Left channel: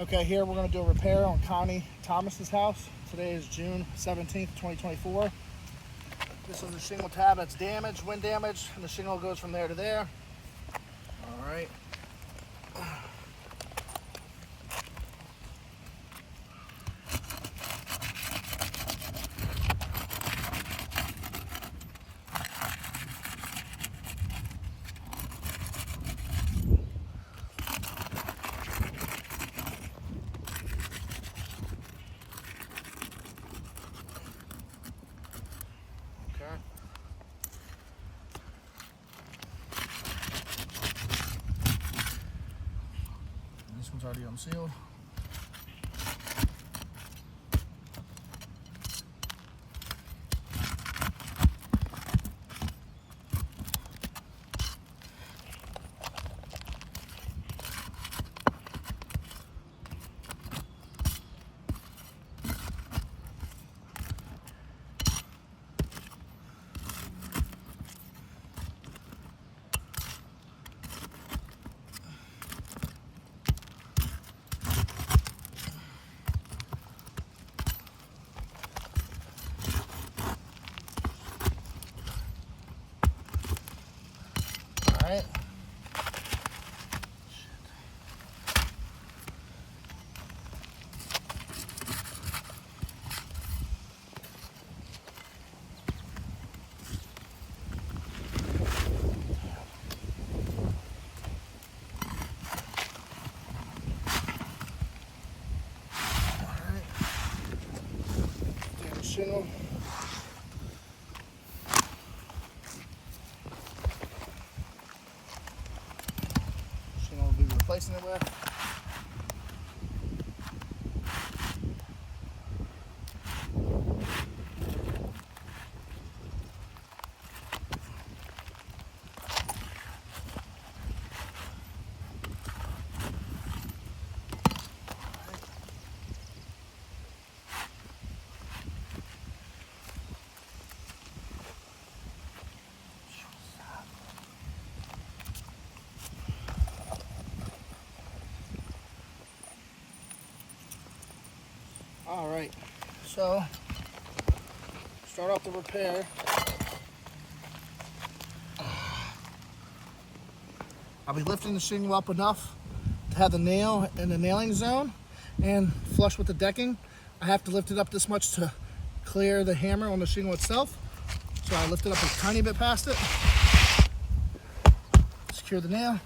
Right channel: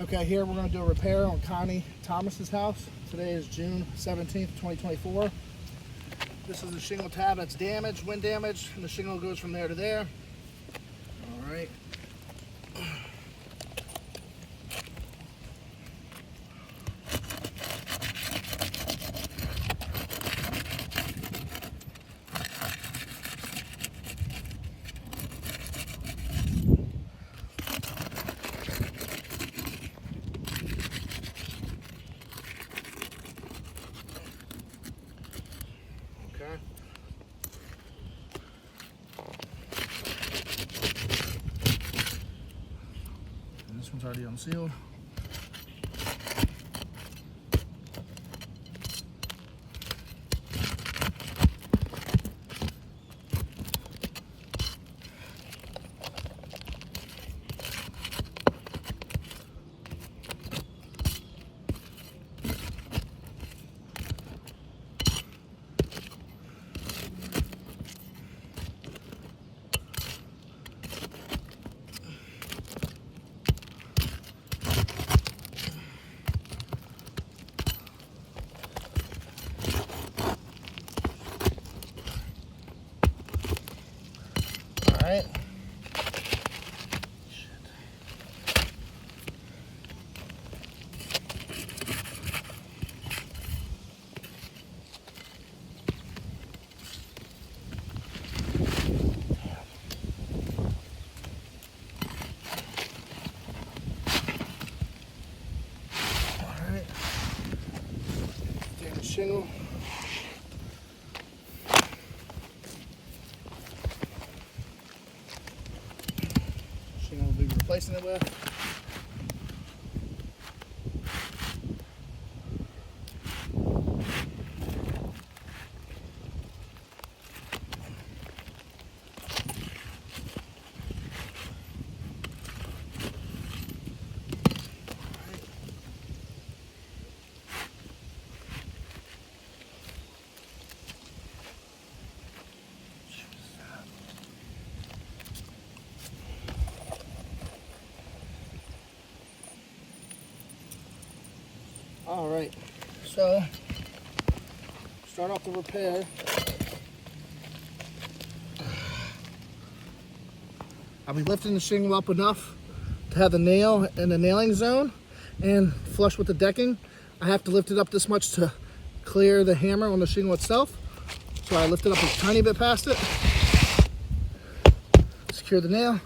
Okay, here we're going to do a repair on Connie Thomas's house. Today is June 17th, 2024. This is a shingle tab that's damaged, wind damage, and the shingle goes from there to there. All right. Okay. And this one's already unsealed. All right. Take a shingle. Shingle we'll be replacing it with. All right, so start off the repair. I'll be lifting the shingle up enough to have the nail in the nailing zone and flush with the decking. I have to lift it up this much to clear the hammer on the shingle itself. So I lift it up a tiny bit past it. Secure the nail.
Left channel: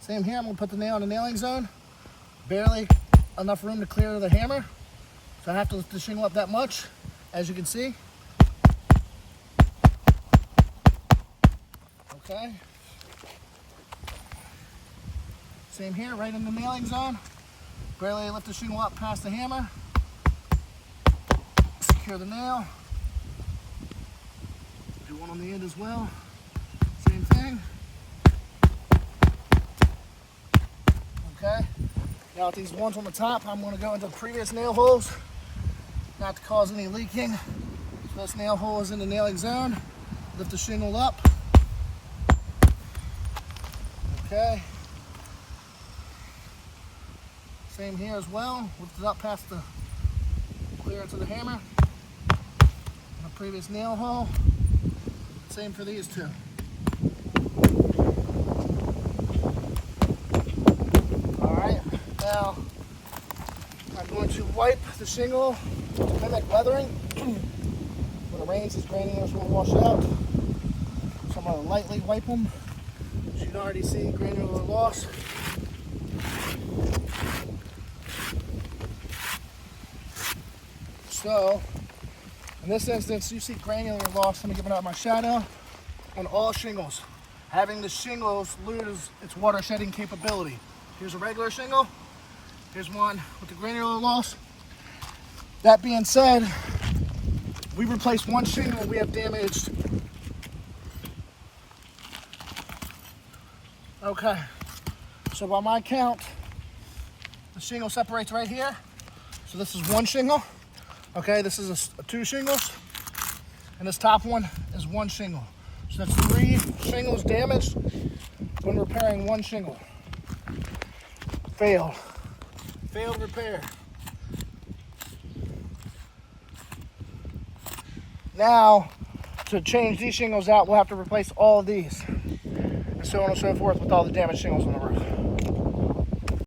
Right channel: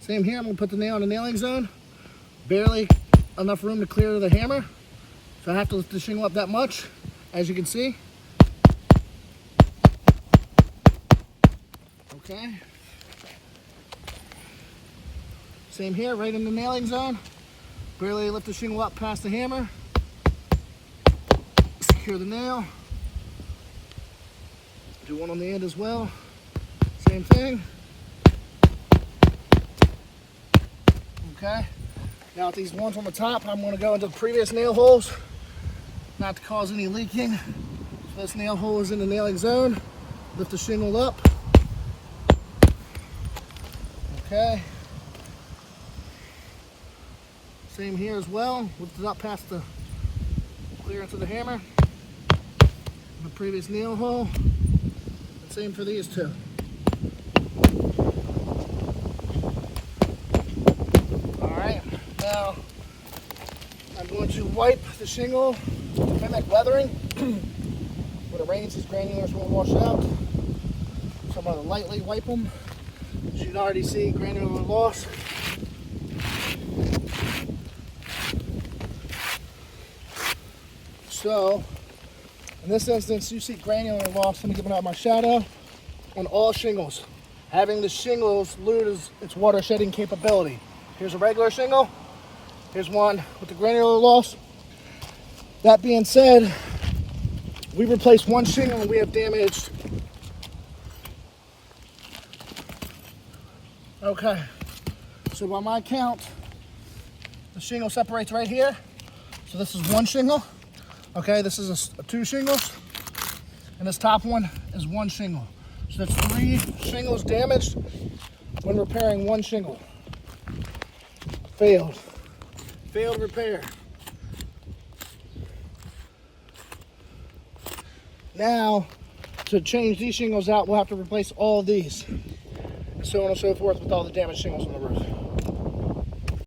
Same here, I'm gonna put the nail in the nailing zone. Barely enough room to clear the hammer. So I have to lift the shingle up that much, as you can see. Okay. Same here, right in the nailing zone. Barely lift the shingle up past the hammer. Secure the nail. Do one on the end as well. Same thing. Okay. Now with these ones on the top, I'm going to go into the previous nail holes, not to cause any leaking. So this nail hole is in the nailing zone. Lift the shingle up. Okay. Same here as well. Lift it up past the clearance of the hammer. The previous nail hole. And same for these two. Now, I'm going to wipe the shingle to mimic weathering. When it rains, these granulars will wash it out. So I'm going to lightly wipe them. As you can already see, granular loss. So, in this instance, you see granular loss. I'm giving out my shadow on all shingles. Having the shingles lose its water shedding capability. Here's a regular shingle. Here's one with the granular loss. That being said, we replaced one shingle and we have damaged. Okay, so by my count, the shingle separates right here. So this is one shingle. Okay, this is two shingles. And this top one is one shingle. So that's 3 shingles damaged when repairing one shingle. Failed. Failed repair. Now, to change these shingles out, we'll have to replace all of these, and so on and so forth with all the damaged shingles on the roof.